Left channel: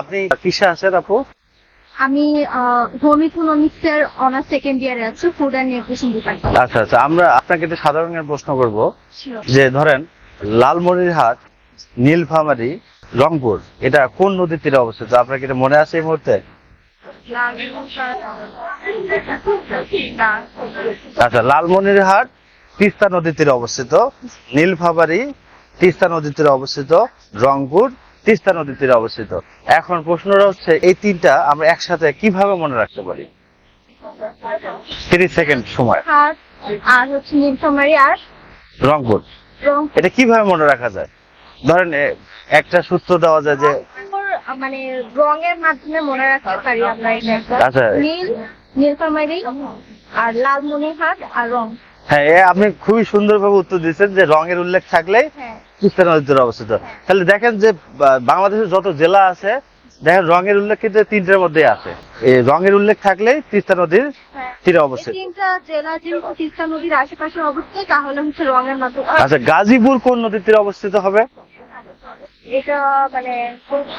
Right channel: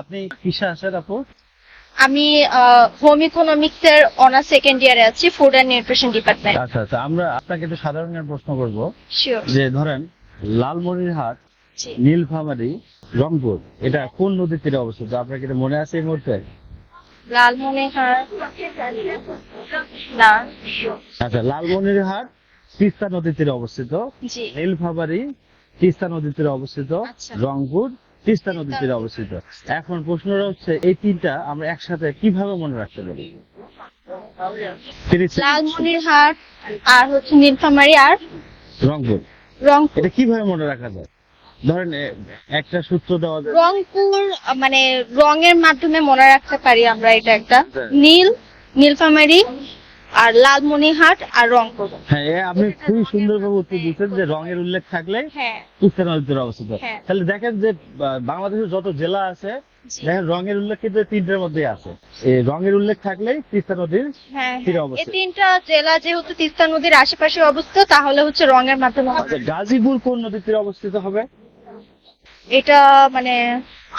আপনি কিসে আছেন আপু? আমি হোম ইকোনমিক্স এর অনার্স সেকেন্ড ইয়ারে আছি, ফুড অ্যান্ড নিউট্রিশন ডিপার্টমেন্ট। আচ্ছা আচ্ছা, আমরা আপনাকে একটা সাধারণ জ্ঞান প্রশ্ন করব শিওর। যে ধরেন লালমনিরহাট, জি। নীলফামারী, রংপুর এটা কোন নদীর তীরে অবস্থিত? আপনার কি এটা মনে আছে এই মুহূর্তে? লালমনিরহাট না। আচ্ছা, লালমনিরহাট তিস্তা নদীর তীরে অবস্থিত, জি। নীলফামারী তিস্তা নদীর তীরে অবস্থিত, আচ্ছা। রংপুর তিস্তা নদীর তীরে অবস্থিত। এখন প্রশ্নটা হচ্ছে এই তিনটা আমরা একসাথে কিভাবে মনে রাখতে পারি? 30 সেকেন্ড সময়। লালমনিরহাট আর হচ্ছে নীলফামারী আর রংপুর রংপুর। এটা কিভাবে মনে রাখা যায়? ধরেন একটা সূত্র দেওয়া যায় যে রংপুর মানে রঙের মাধ্যমে মনে রাখতে পারি আমরা, এটা একটা আচ্ছা। নীলফামারী আর লালমনিরহাট আর রংপুর। হ্যাঁ, আপনি খুবই সুন্দরভাবে উত্তর দিচ্ছেন যে রঙের উল্লেখ থাকলে হ্যাঁ। তিস্তা নদীর তীরে অবস্থিত। হ্যাঁ। তাহলে দেখেন যে বাংলাদেশের যত জেলা আছে দেখেন রঙের উল্লেখ কিন্তু তিনটের মধ্যে আছে। এই রঙের উল্লেখ থাকলেই তিস্তা নদীর হ্যাঁ। তীরে এই অবস্থিত। তিনটা জেলা যেহেতু তিস্তা নদীর আশেপাশে অবস্থিত, তাহলে হচ্ছে রঙের মাধ্যমে। আচ্ছা, গাজীপুর কোন নদীর তীরে অবস্থিত হবে? এটা মানে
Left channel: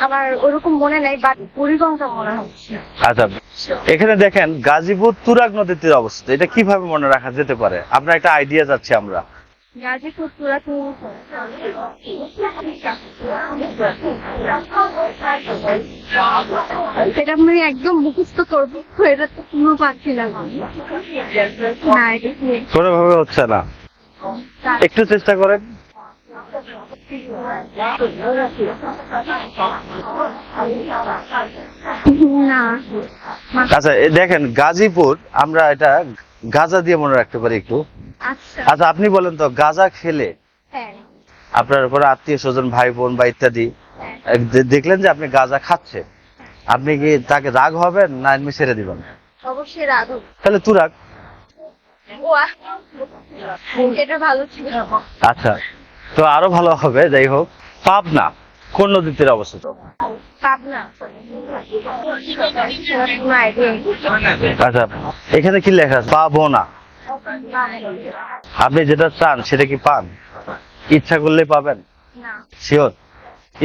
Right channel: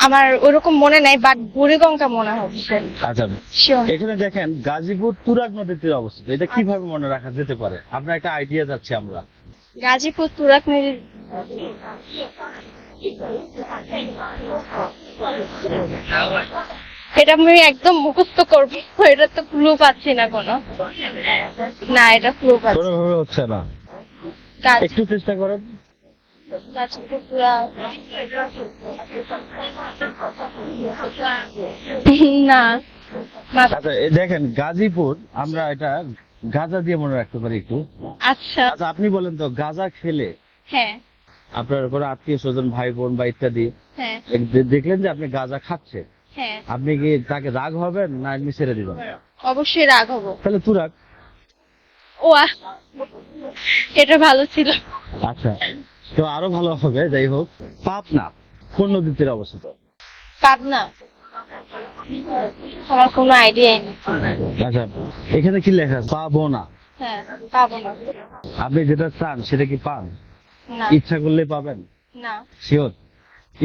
আমার ওরকম মনে নাই, বাট বুড়িগঙ্গা মনে হচ্ছে। আচ্ছা, Sure. এখানে দেখেন গাজীপুর তুরাগ নদীর তীরে অবস্থিত। এটা কিভাবে মনে রাখা যেতে পারে? আপনার একটা আইডিয়া যাচ্ছে আমরা। গাজীপুর তুরাগ নদী। এটা আমি একদম মুখস্থ করবো, এটা তো ক্লু পাচ্ছি না কোনো। না, এটা ক্লু পাচ্ছি কোনোভাবে হচ্ছে না, না। একটু চেষ্টা করেন। গাজীপুর তুরাগ। না। আচ্ছা, দেখেন গাজীপুর আমরা এটা গাজা দিয়ে মনে রাখতে পারি একটু। আচ্ছা। আচ্ছা, আপনি বলেন তো গাজা খেলে হ্যাঁ। আপনার কোনো আত্মীয় স্বজন ভাই বোন বা ইত্যাদি হ্যাঁ। দেখলেন যে আপনি গাজা খাচ্ছে, হ্যাঁ। আপনি কি তাকে রাগ হবেন না এমনি ছেড়ে দিবেন? অবশ্যই রাগ হবো। তাহলে তুরাগ। ও এটা ভালো ছিল। আচ্ছা, তো আরো ভালো হবে। যাই হোক, পাবনা কোন নদীর তীরে অবস্থিত? পাবনা। আমার কোনো আইডিয়াই নেই। আচ্ছা, এখানে কি লেখা আছে? পাবনা। হ্যাঁ, পাবনা। আপনি যেটা চান সেটা কি পান? না। ইচ্ছা করলে পাবেন? না। শিওর?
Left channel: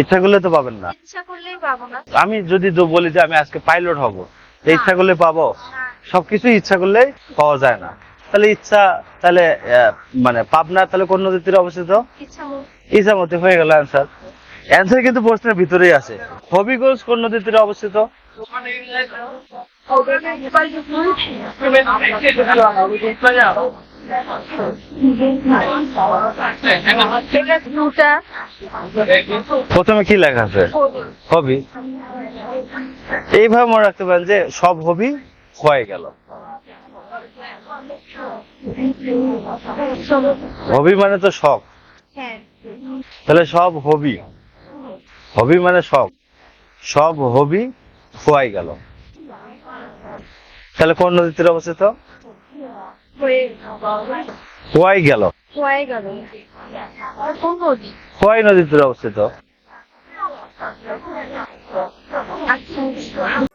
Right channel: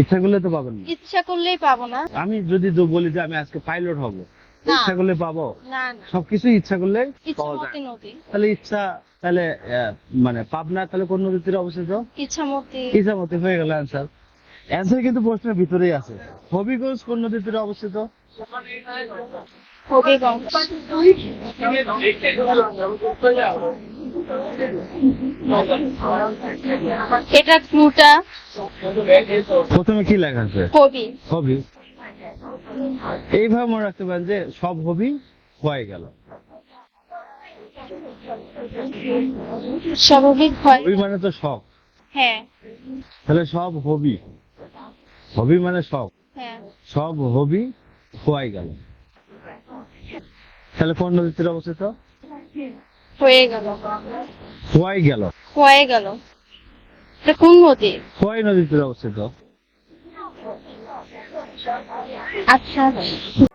ইচ্ছা করলে তো পাবেন না। ইচ্ছা করলেই পাবো না। আমি যদি বলি যে আমি আজকে পাইলট হব, না। ইচ্ছা করলে পাবো? না। সবকিছু ইচ্ছা করলে পাওয়া যায় না। নদী। তাহলে ইচ্ছা, তাহলে মানে পাবনা তাহলে কোন নদীর তীরে অবস্থিত? ইচ্ছামতি। ইচ্ছামতি হয়ে গেল অ্যান্সার। অ্যান্সার কিন্তু প্রশ্নের ভিতরেই আছে। হবিগঞ্জ কোন নদীর তীরে অবস্থিত? হবিগঞ্জ। এটা ক্লুটা। প্রথমে কি লেখা আছে? হবি। হবি। এইভাবে মনে রাখতে পারেন যে সব হবি হয়ে গেল। স্বাভাবিক হয়। হবি মানে তো শখ, হ্যাঁ। তাহলে সব হবি, হবি মানে শখ, হ্যাঁ। সব হবি হয়ে গেল। তাহলে কোন নদীর তীরে অবস্থিত? হয়ে গেল। হয়ে গেল। হয়ে গেল। এটা কোন নদী? হওয়াই নদীর তীরে অবস্থিত। আচ্ছা আচ্ছা।